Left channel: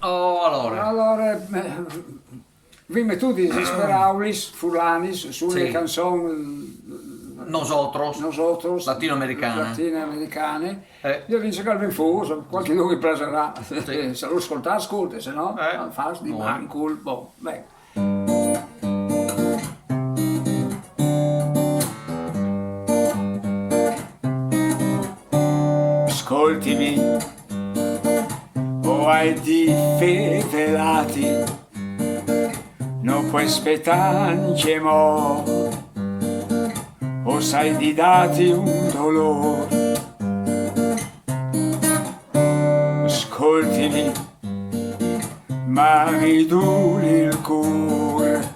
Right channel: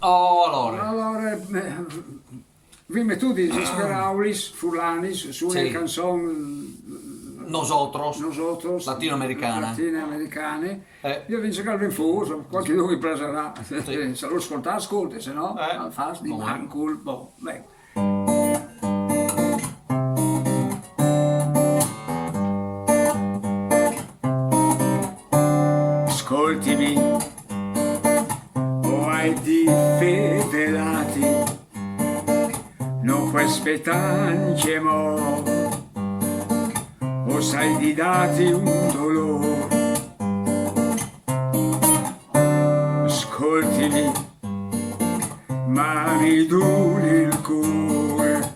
Oh, allora. Allora, vime tu desesperaulis, fulanis, su le Sì. canzoni Nosotros. nosotros, Latinoamericane. latinoamericane. Eh. Io vince che ben fuso, qualche uno mi piacerà. Sì. Se lo ascolta, ascolta, se no, al fas di No. mancul, boh, beh. Ascoltimi, o hai di fedelati, non puoi aspettare mo, o sai di dati un dolore. Ascoltimi, ma mi duri il cuore,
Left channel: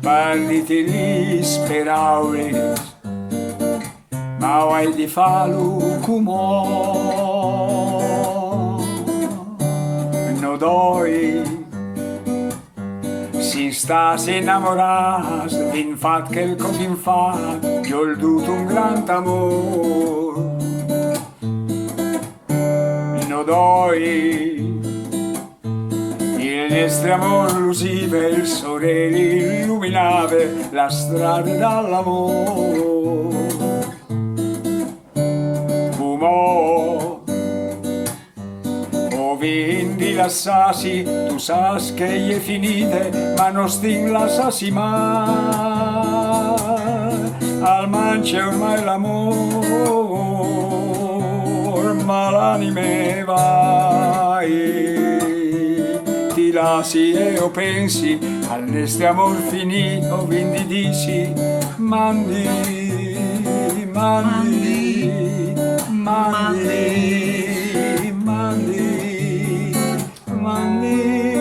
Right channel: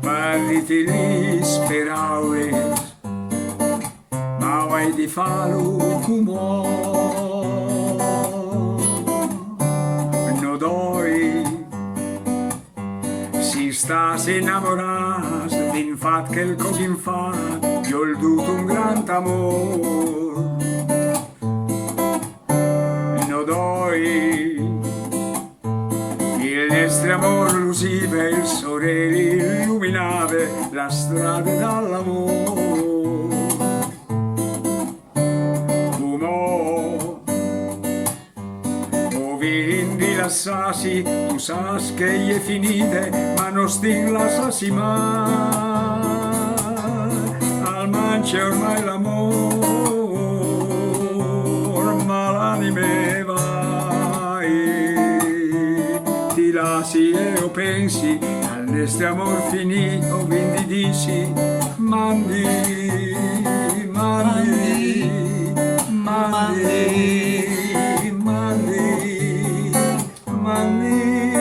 parliti gli sperauri, ma hai di farlo come no doi si sta si innamorato vin fat che il con fin fa io ho duto un gran amor no doi il nostro amor lusive il sole illuminave la strada dall'amor quindi la sasi, tu sai che è finite, ma non stin la sasi mai. Al mance ormai l'amor, ma l'anime vai. Ti lasi e o pensi, al nostro amor finito, quindi dici, mandi, mandi, mandi, mandi. Money.